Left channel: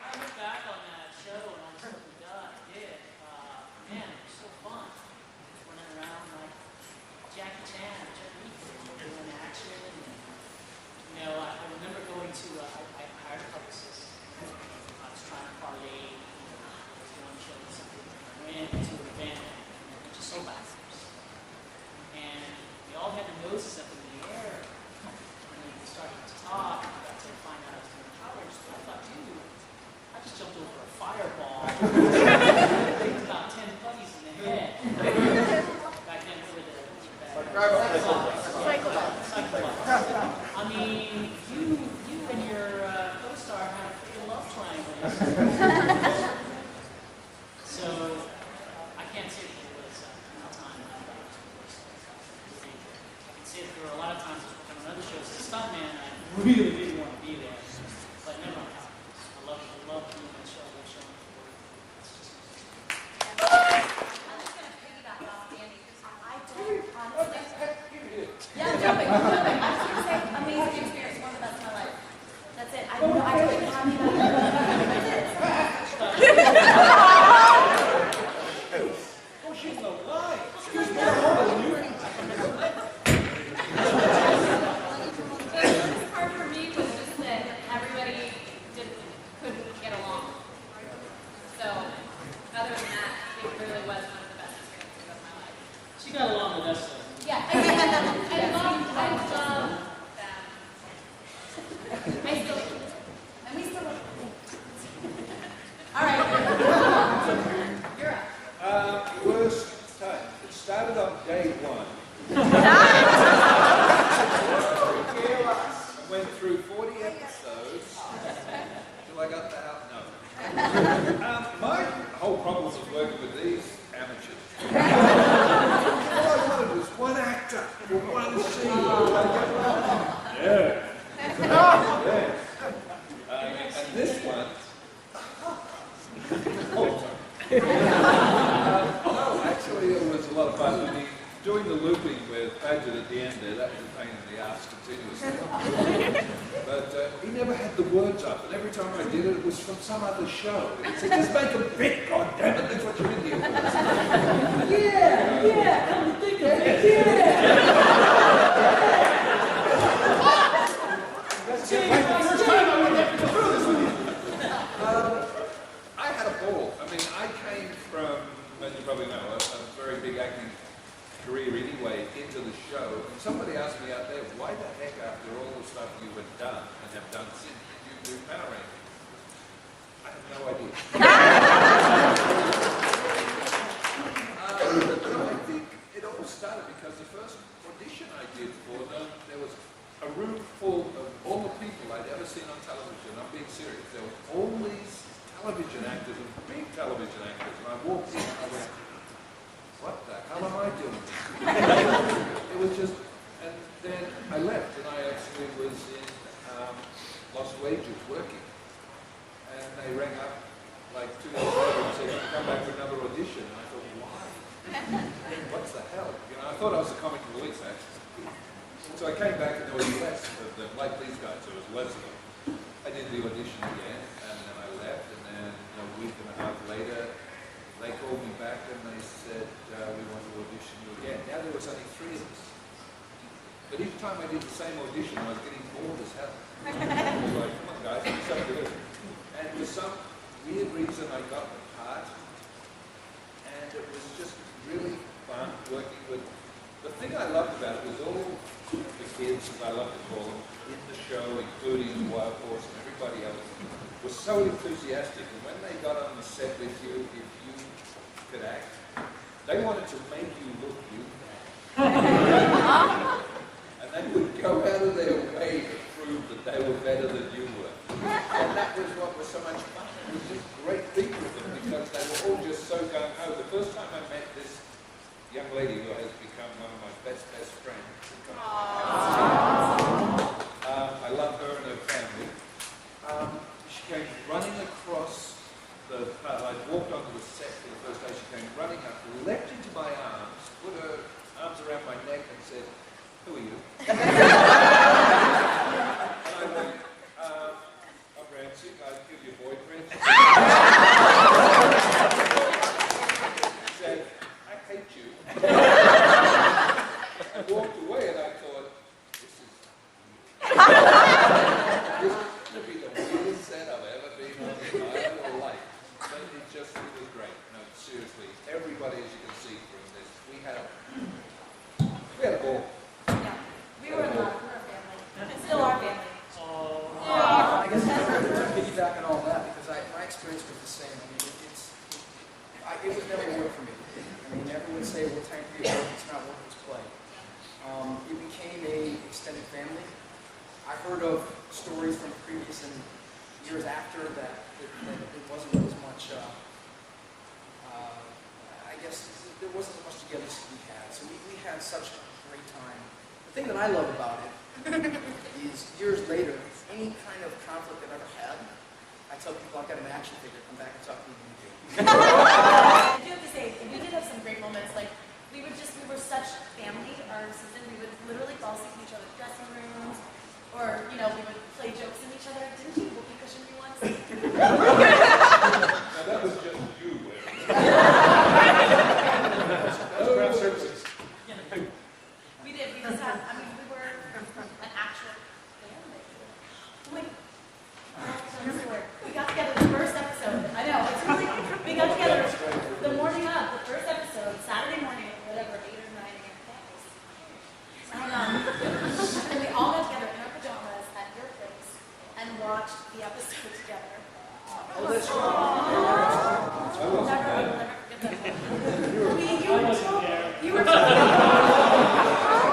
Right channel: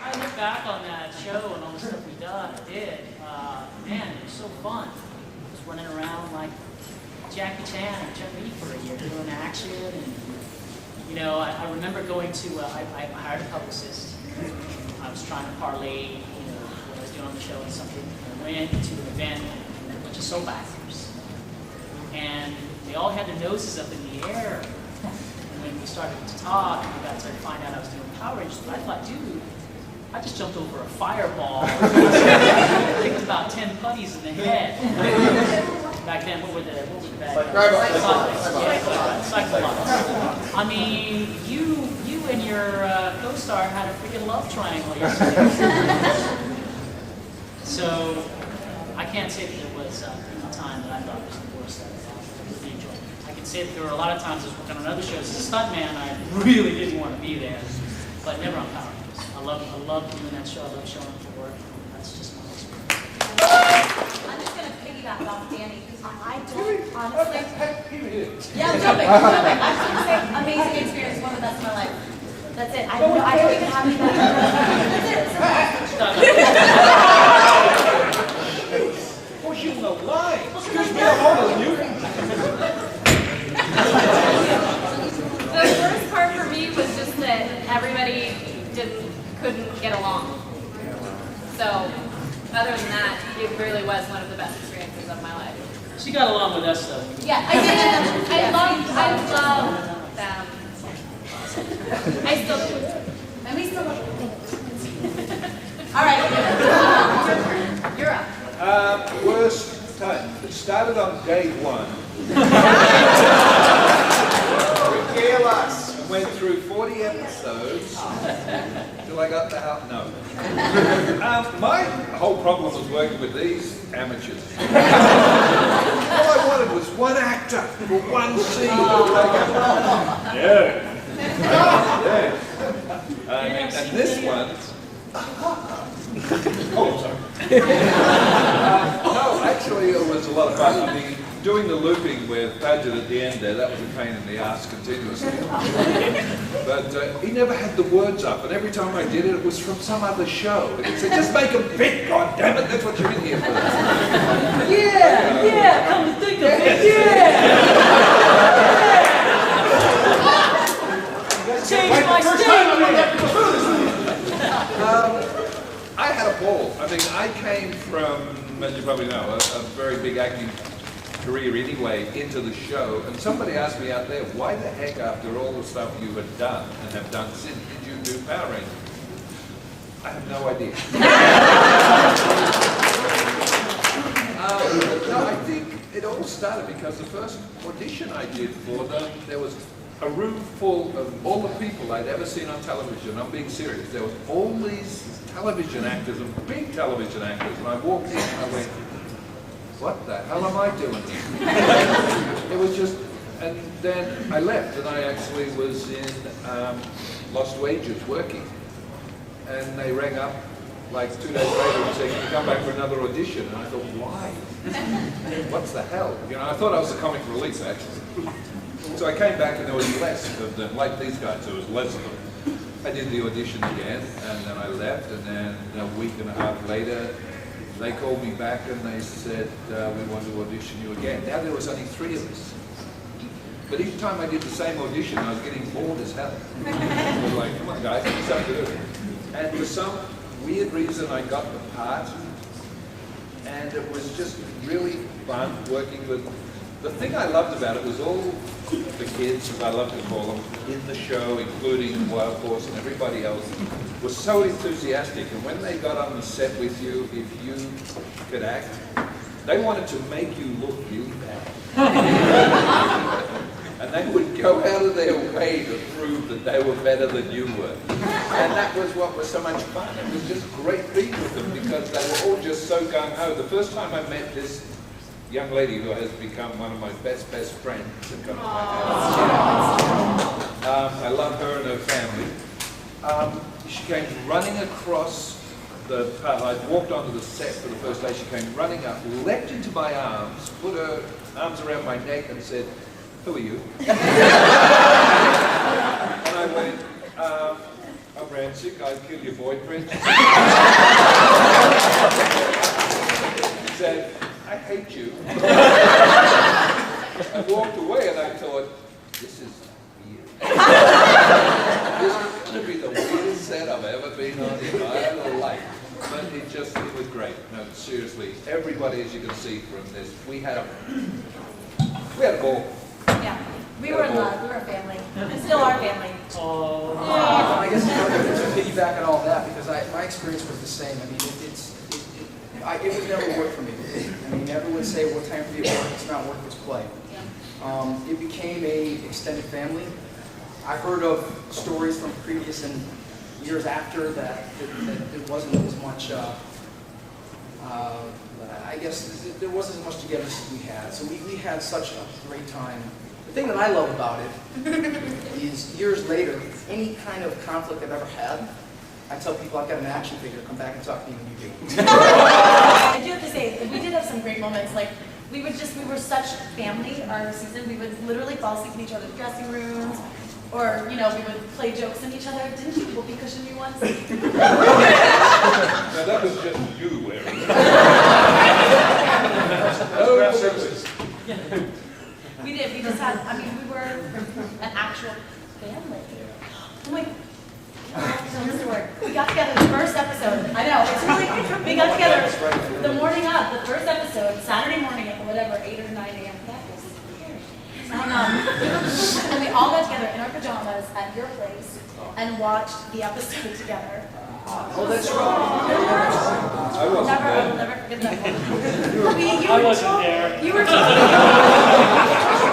I look back on that show and all the stuff we did, man, it was so fun. Just running around like Jackie Chan or Jet Li for a year doing action. And, you know, I remember going to, I hired a publicist. I was trying to parlay, you know, what I was doing on the show and something. I went to an event and met a bunch of soap actors. And they all had their noses up in the air. And when we started to talk and we got to find out I was doing Power Rangers, I thought, dude, I just jumped over a fireball, kicked about 10 putties in the head. Back then, what were the bad Cyclops. I mean, you and your co-star had a freaking love triangle yesterday. So, I can't say that there was any time that I thought was the worst that I really enjoyed. I can say that there were a lot of times I was working on other shows. As a stuntman, I really didn't want to be there, but never on Power Rangers. I love doing that show. I love showing up for work. That's just my experience. I'm just going to piggyback off Danny. I don't honestly. Hey, yeah, I'm jumping. I'm just going to say, amazing experience, one of the best of my life. That's it. I don't even have any better. That's it. pushing the line. Excuse me, I'm older than you. The worst part for me was just that everybody couldn't get along. So, other than that, it really was one of the best experiences of my life. She got along with us, though. Yeah, I did. I love them. I still do. And we still love you. All right, your turn. You're up. Worst time. It started on day one. Regale us. I went through 40 episodes till I got the house. No. My whole problem was working with these amateurs. All I wanted was one actor for one scene. Yeah. Yes. I mean, and this one. Oh, I'm sorry. No, actually, it was a lot of fun. I mean, doing the looping with Page-Pagter at the end there, that was a pain in the ass continuously. But he never had the words up, and every time I did it, it was from some other show. And he'd say, just make them fit, goddammit, that's what you're in here for. Yeah, come to think of it, yeah! Change my first time I'm going to have to go through this with you. I had a ball. I mean, I came from, as you probably know, a very big acting career anyway into the show, and somebody asked me out there, why the heck, after all the stuff you had done and have done since, did you do Power Rangers? I have no idea. No, I think it all started because the first audition I did for them, there was a room full of all the people I'd ever seen on television. I'm being serious. There was all these television actors and big television actors, and I walked in and I went, what the hell am I doing here? It was just, and then I left, and I actually was in Lost Wages working, and they rang up like 2 days later and said, can you come back for another audition? And I thought, why? What's the hell? You know, I thought I was the comic relief, actually. So I came back and there was less of them, like these guys, there was less of them. I did the audition again, and then I left, and then a week and a half later, they called me back and they said, we want to audition you again. Now there was only 3 of us. But each time I did the same audition, I was getting bored as hell. I was like, come on guys, there's something to do. And for some weird reason, I got the part, and it was just really fun working with. The thing I loved about it was all the kids, as I love to call them, in the show, including Wild Force and everybody else, was so enthusiastic. And when they got on the set with you, if you could act, they wanted to make you look really bad. And they would go out of their way to prove that they were better than you were. And that was what was so much fun. It was just great being with them because they were all just so gung-ho. The first time I met this young lady who has become one of my best friends that comes to my house. I love her and her family. She came running across the path. I walked onto the set for the first day. She came running up, leapt into my arms, put her arms around my neck and said, who are you? And I went, I'm Red. forensic, I'd kill your boyfriend. She said, I hate you. I walked away and I thought, this is weird. This is going to be the weirdest set I've ever been on in my life. But it was great. No, seriously, everybody, as you can see from this, we had a ball. Yeah, we were in love. We were a family. We still are family. I guess it's hard to piggyback on all that because my experience was the same. I mean, it would never work for me. I mean, never would say, what time to be at work, it's not worth its play. It became a extended family. I heard of stories from previous and years after that it wasn't as much, I guess there wasn't as much togetherness as we had. So we had such a great time. The thing that I love about it is years later, any kind of conflict I've ever had, I tell people I've got an action figure, come back and talk to me when you do. I do have to say, we did have some great moments. Like, we were such family our season. We would literally fall asleep in each other's dressing rooms. Or, we would play jokes on each other. Didn't you whoopee cushion me once? Now that was just you, Erin. Craft services. We did. We just had, we were an actual family. Oh my, I have to tell the story. We got together the first episode. I know, it's really, we got together the morning of the first episode, Saturday morning at whatever, 8 or 9 a.m. That was scary. And we all got together in our pajamas at your place and watched the episode together. Oh, that's right. Yeah, that's right. I wasn't I will never forget that moment. I wasn't there. You were teaching.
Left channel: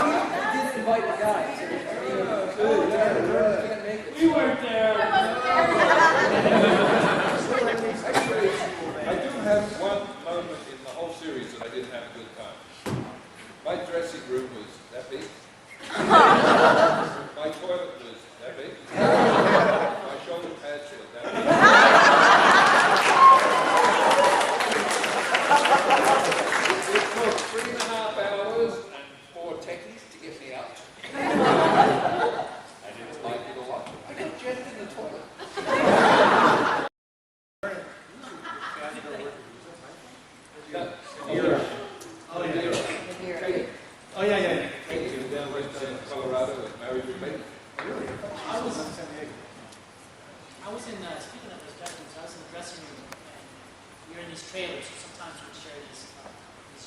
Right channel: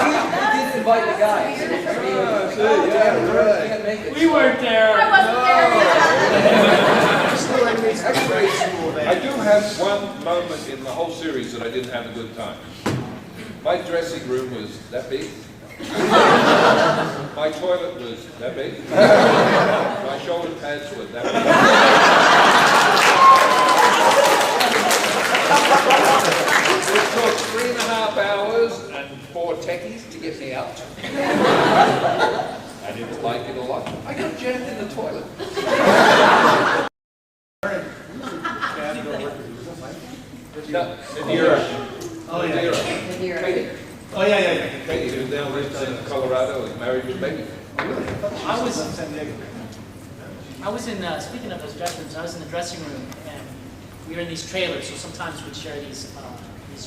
You didn't invite the guys. Yeah, right. Can't make it. We weren't there. I wasn't there either. Actually, I do have one moment in the whole series that I didn't have a good time. My dressing room was that big. My toilet was that big. My shoulder pads were that big. It took 3.5 hours and 4 techies to get me out. I didn't like it a lot. I got jammed in the toilet. Oh yeah. Katie. Oh yeah. Katie, who now lives in Colorado, is married with a baby. Oh really? I was in San Diego. I was in, speaking of those dressing rooms, I was in the dressing room, and we were in these trailers, so sometimes we'd share these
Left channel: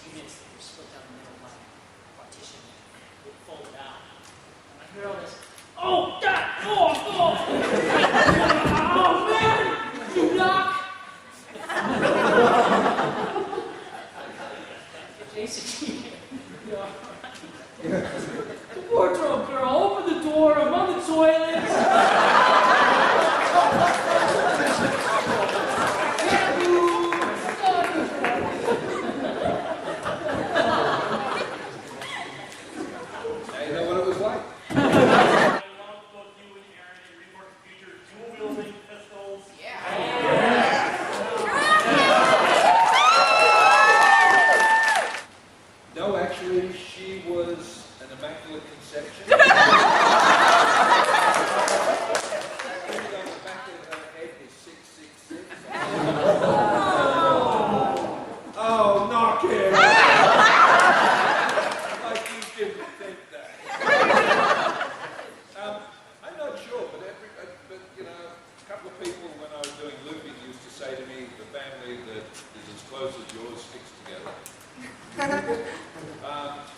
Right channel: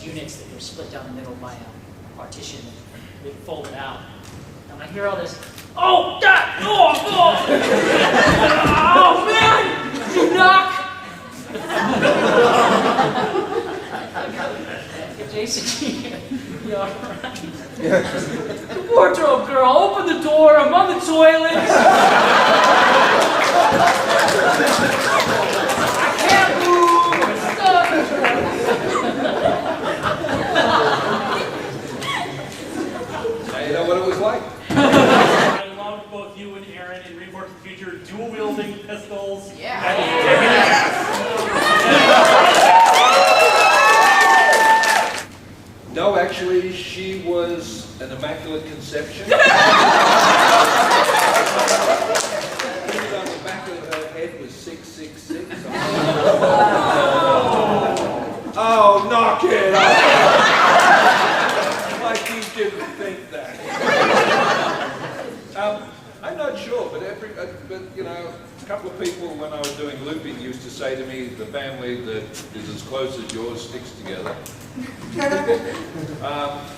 units that were split down the middle by a partition that we'd fold it out. And I hear all this, oh, God, oh, man, you knock! Jason, you all right? The wardrobe girl, open the door, I'm on the toilet. I can't move, I'm stuck. Now you know what it was like. I loved both you and Erin in Remorph the Future dual wielding pistols. Yeah. No, actually, she was an immaculate conception. The thing on the back of her head was 666. Oh, knock it off! Like you didn't think that. I'm not sure, but a couple of people when I was doing looping used to say to me, the family that is as close as yours sticks together.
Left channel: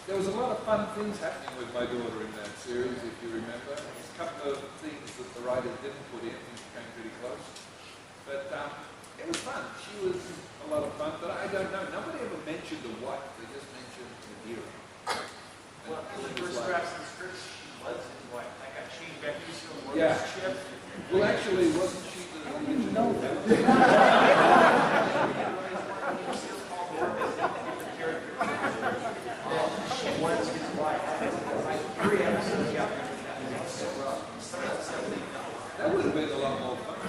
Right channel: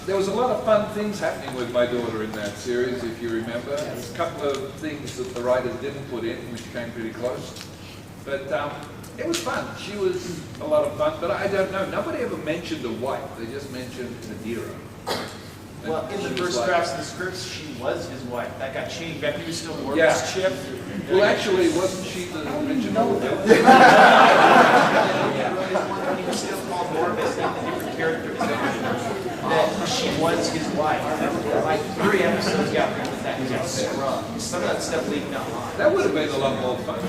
There was a lot of fun things happening with my daughter in that series, if you remember. A couple of things that the writers didn't put in, which came pretty close. But it was fun. She was a lot of fun, but I don't know. Nobody ever mentioned a wife. They just mentioned Madeira. Well, in the first drafts of the scripts, she was his wife. That got changed after you still worked Yeah. as Chip. Well, actually, wasn't she the original? When he was still called Morphicon, the character, she was his wife. I remember like 3 episodes after that he got scrubbed. Some of that stuff leaked online. That would have been a lot more fun.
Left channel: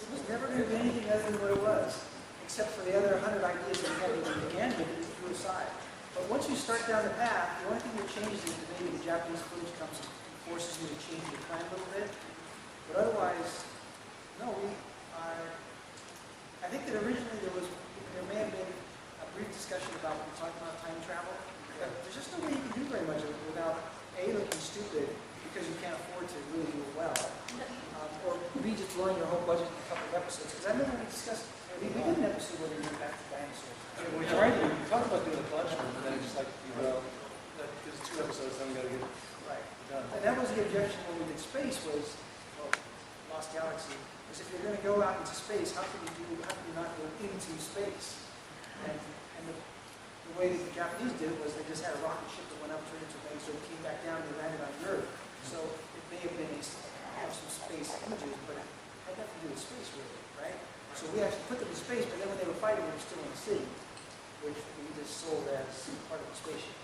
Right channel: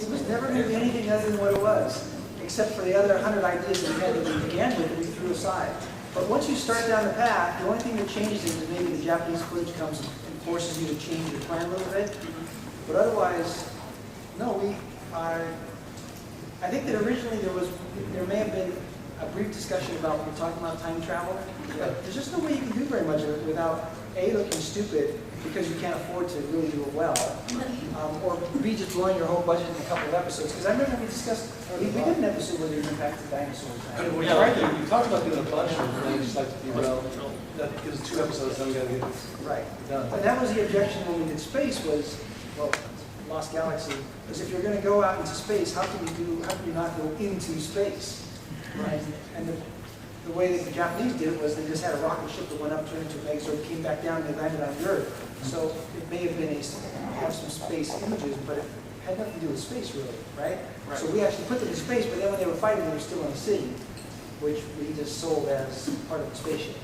It was never going to be anything other than what it was, except for the other 100 ideas that we had that we began with that we threw aside. But once you start down the path, the only thing that changes is maybe the Japanese footage comes and forces you to change your plan a little bit. But otherwise, no, I think that originally there may have been a brief discussion about when we're talking about time travel, but there's just no way you can do very much of it without A, looking stupid because you can't afford to really do it well, or B, just blowing your whole budget in a couple of episodes. Because I remember we discussed, we did an episode where they went back to dinosaur time. Yeah, we tried to. We talked about doing a bunch of them, and then we just like to derail. That because 2 episodes, then we got to get this Right. done. And that was the objection when we did space was, well, Lost Galaxy, was if you're going to go out into space, how can you not go into space? And the way that the Japanese did it was they just had a rocket ship that went up, turned into a megazord, came back down, and they landed on the Earth. So it may have been have some space images, but it had nothing to do with space really, right? So we actually put them in space, but then when they were fighting, they were still in the city, which we just sold as part of the spaceship.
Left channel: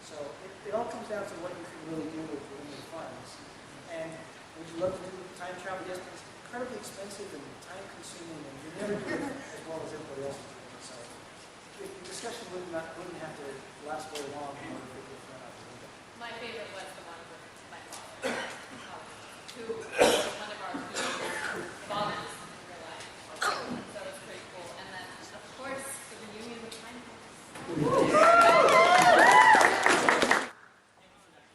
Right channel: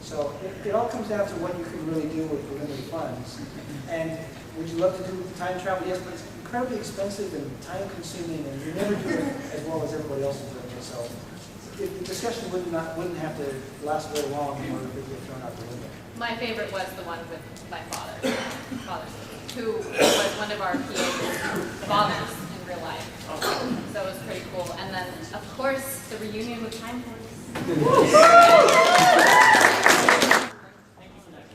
So it all comes down to what you can really do with limited funds. And would you love to do time travel? Yes, but it's incredibly expensive and time-consuming, and you never do it as well as everybody else is doing it. So the discussion wouldn't have to last very long in order for it to get thrown out the window. My favorite was the one with my father, who was one of our PA's fathers in real life. So it was pretty cool. And then, of course, the reunion with Time Force. Thank you for that.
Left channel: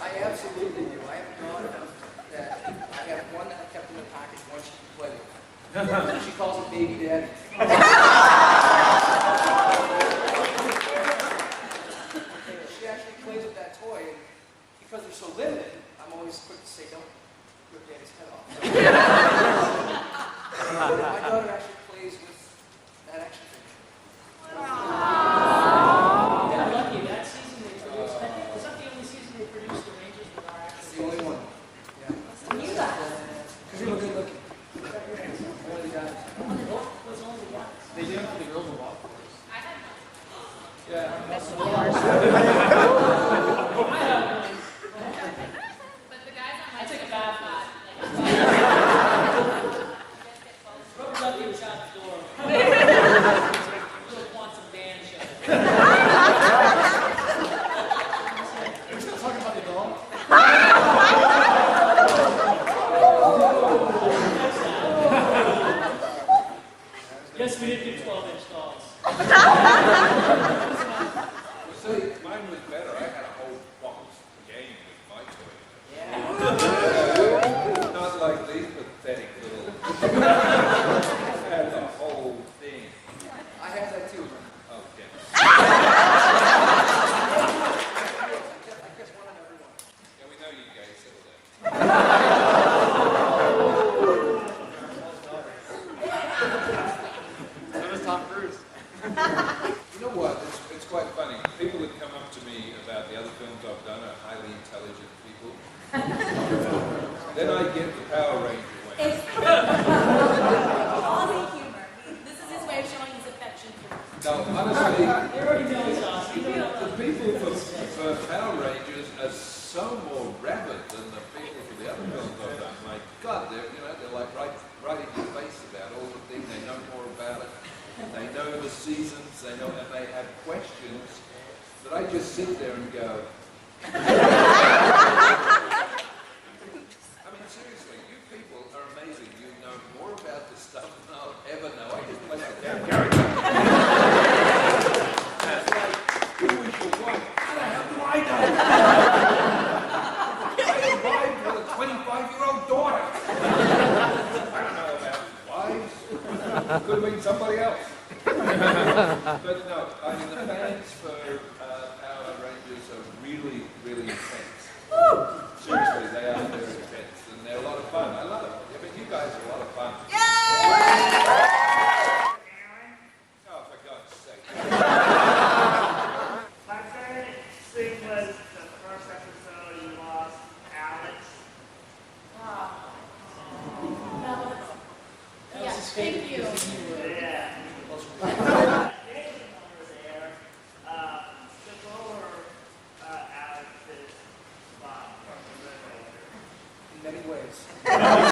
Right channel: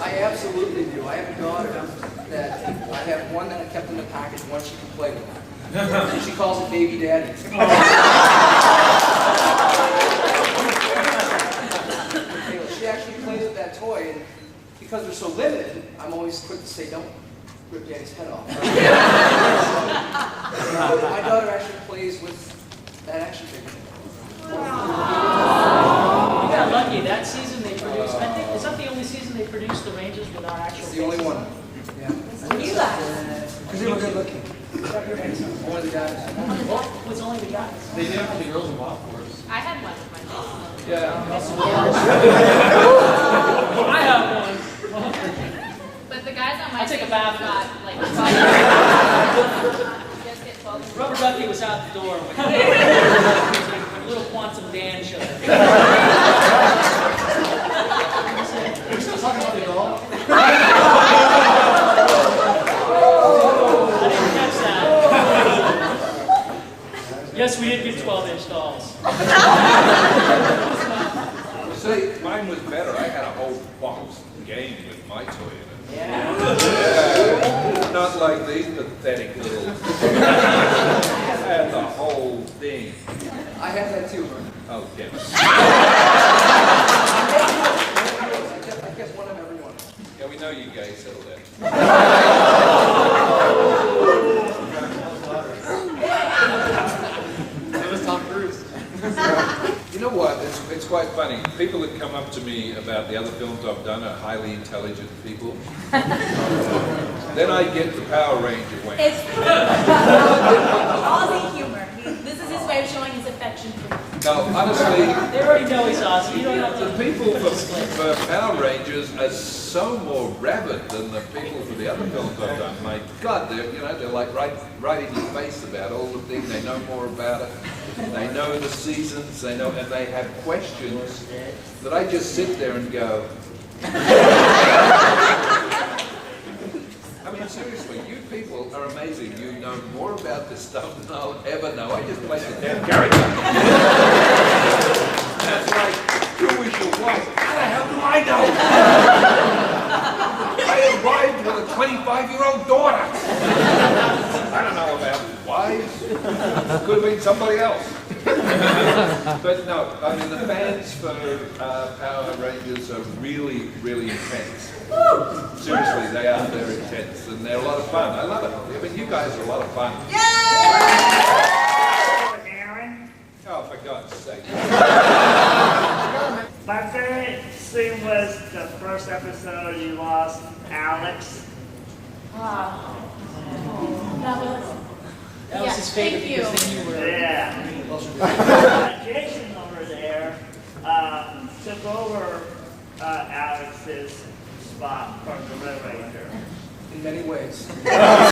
I absolutely do. I have a daughter that I have one that I kept in the package, one she can play with. She calls it baby daddy. Cahill, she actually plays with that toy, and because they're so limited, I'm always quick to say, don't rip daddy's head off. So, my daughter actually plays with that action figure. You got lucky. That season they produced, I think, is that the only season they produced the Rangers without actual It's the only faces? one. Yeah. You guys. Because they were good looking. Only the guys. Well, it was only the guys. They did it for the girls in Wild Force. I had one with my mom. Yeah. I have one. But the guys on my I'll take a team bath. got like 12. You guys get 12. Rubber Ducky was out the door when little Quantum Dan showed up. Are we still talking about the doll? I didn't catch that. Yes, we did get 12-inch dolls. See, mine was better. I had a whole box game with my toy in it. Yeah. Yeah. Not like these pathetic little. I had the whole thing. I have that too, Vernon. Oh, damn it. I kept one of every one. Yeah, we know you guys. Settle that. You know what? It's quite funny. People that come up to me about the other films I've done are highly intelligent people. Then I get the Power Ranger wing. It's Aussie humor. This is his way of showing his affection for you. No, honestly, They already know he's Aussie. You don't have to. the people put a disclaimer. for Power Rangers are so more rabid than the people for the other films I've done. My God, they're like right in your face about all the things. They know more about it. They know the seasons. They know, and they have questions that I just sit there and go. I mean, seriously, you people are amazing. You know more about this stuff than I'll ever know. I just played the damn character. That's like, who is your wife? How the hell do I know? I arrived with a 25-year-old daughter. I don't know about wives. Could have been somebody else. But no, I mean, the fans for Power Rangers are really, really intense. Seriously, they are. They're intense, and they're a lot of fun. I love it. I mean, you guys are a lot of fun. Erin, Oh, for God's sake. my favorite scene was the first episode you lost Alex. That was. That was his favorite thank you. because then you were. Yeah. Jason over there took over Alex's spot from the Red Ranger. In many ways.